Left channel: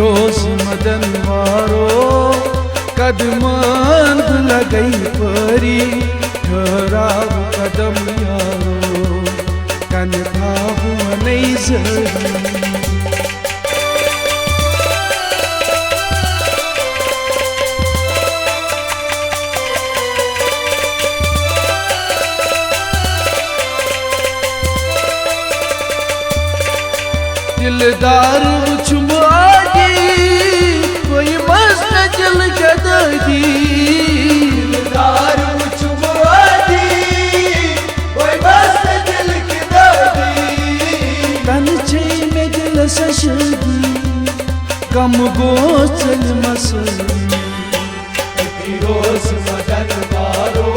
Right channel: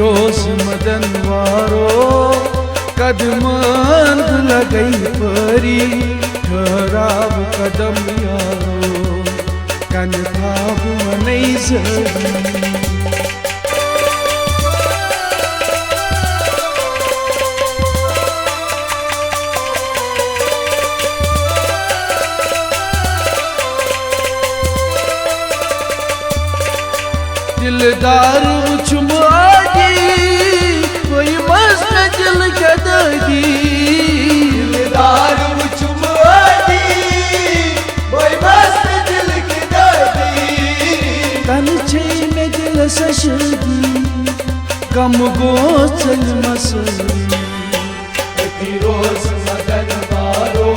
रोज मदन वारो कदमान लगई परी खराब कदम यारो कन भाव नहीं सही दारू चुमागी कोई बस जल गदागी दारू चुमागी कोई बस जल गदागी कंचे में दिल सशगी कम गोच मसली रोज मदन वारो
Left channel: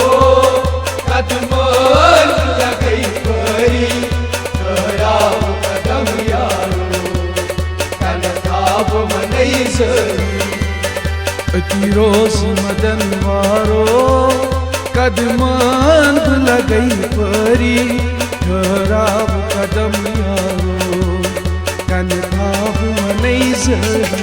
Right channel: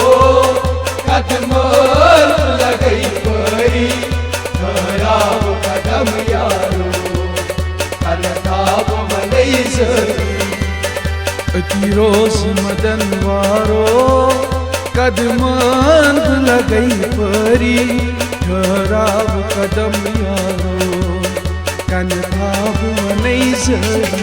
कदमान लगई परी खराब कदम यारो रोज मदन वारो कदमान लगई परी खराब कदम यारो कन भाव नहीं सही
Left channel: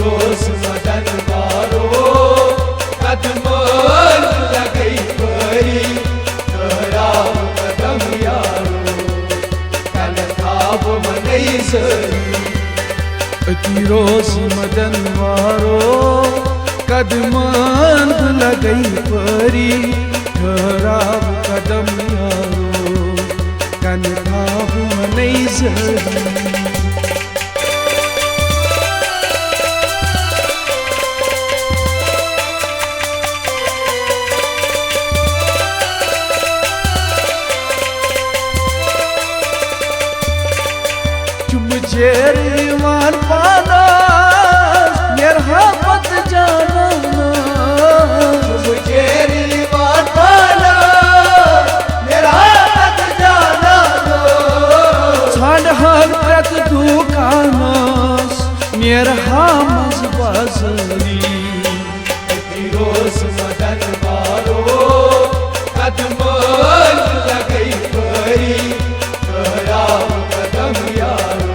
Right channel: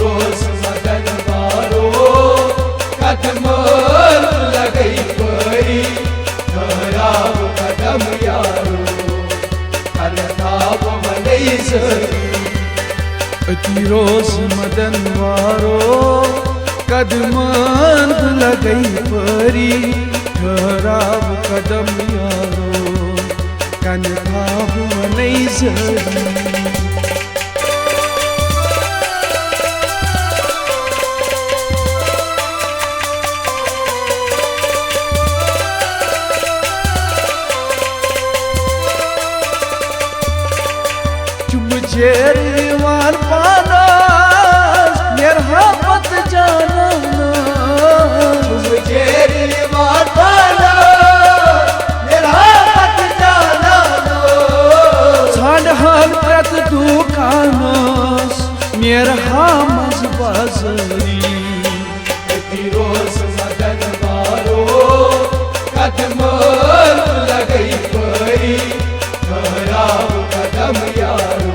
रोज मदन वारो कदमान लगई परी खराब कदम यारो कन भाव नहीं सही रोज मदन वारो कदमान लगई परी खराब कदम यारो कन भाव नहीं सही जेरीवान पादा यरहमत जानो तुम जेरीवान पादा यरहमत जानो साढ़ हर तक तू कानस यरहमत बसनी रोज मदन वारो कदमान लगई परी खराब कदम यारो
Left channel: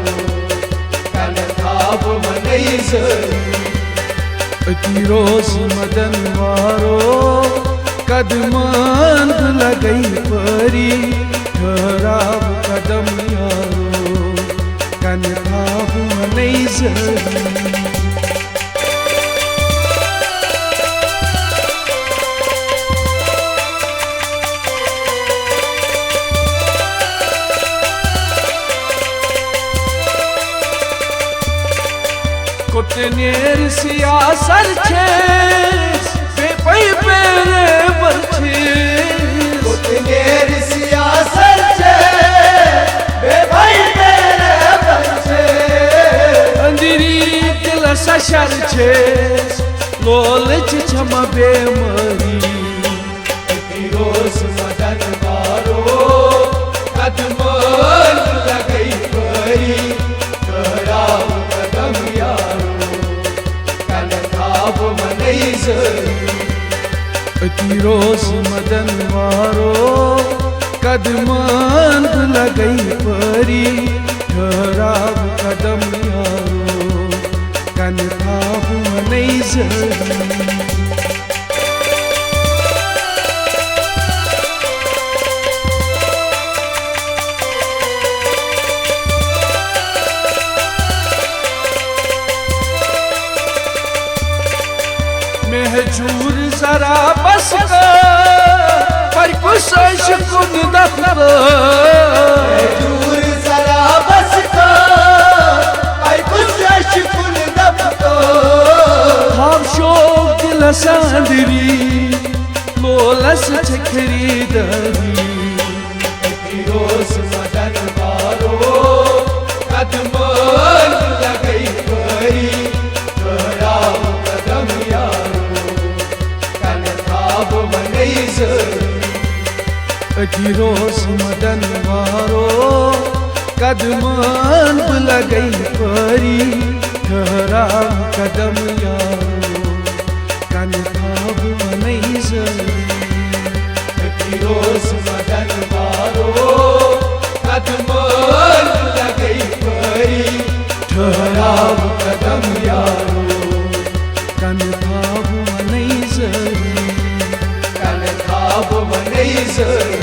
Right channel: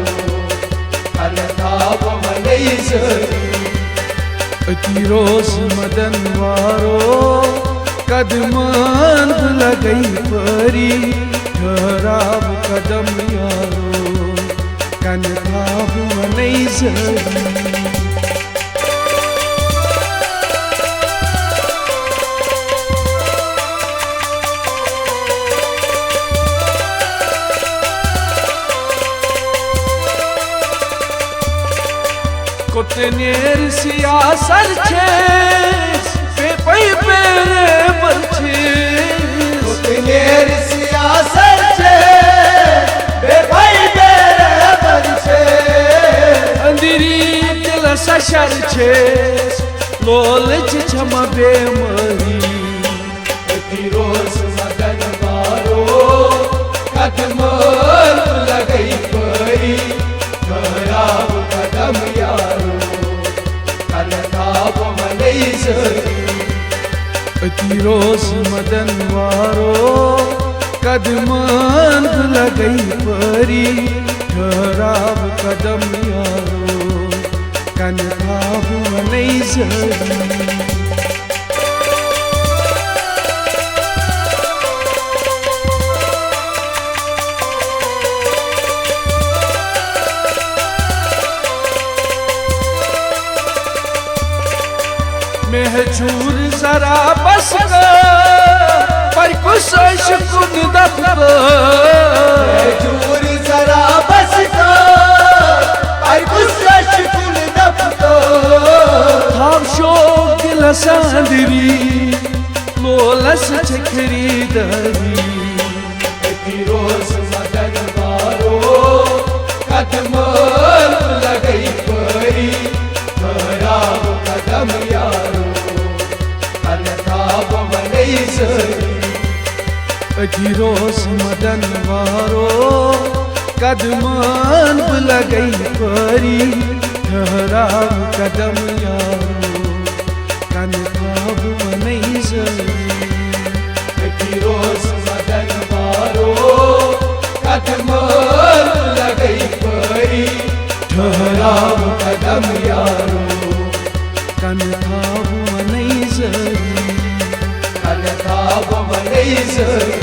जरी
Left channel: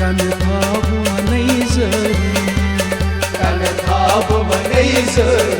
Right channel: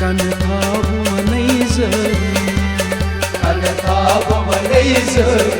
कानथाब मनै जरी कानथाब मनै जरी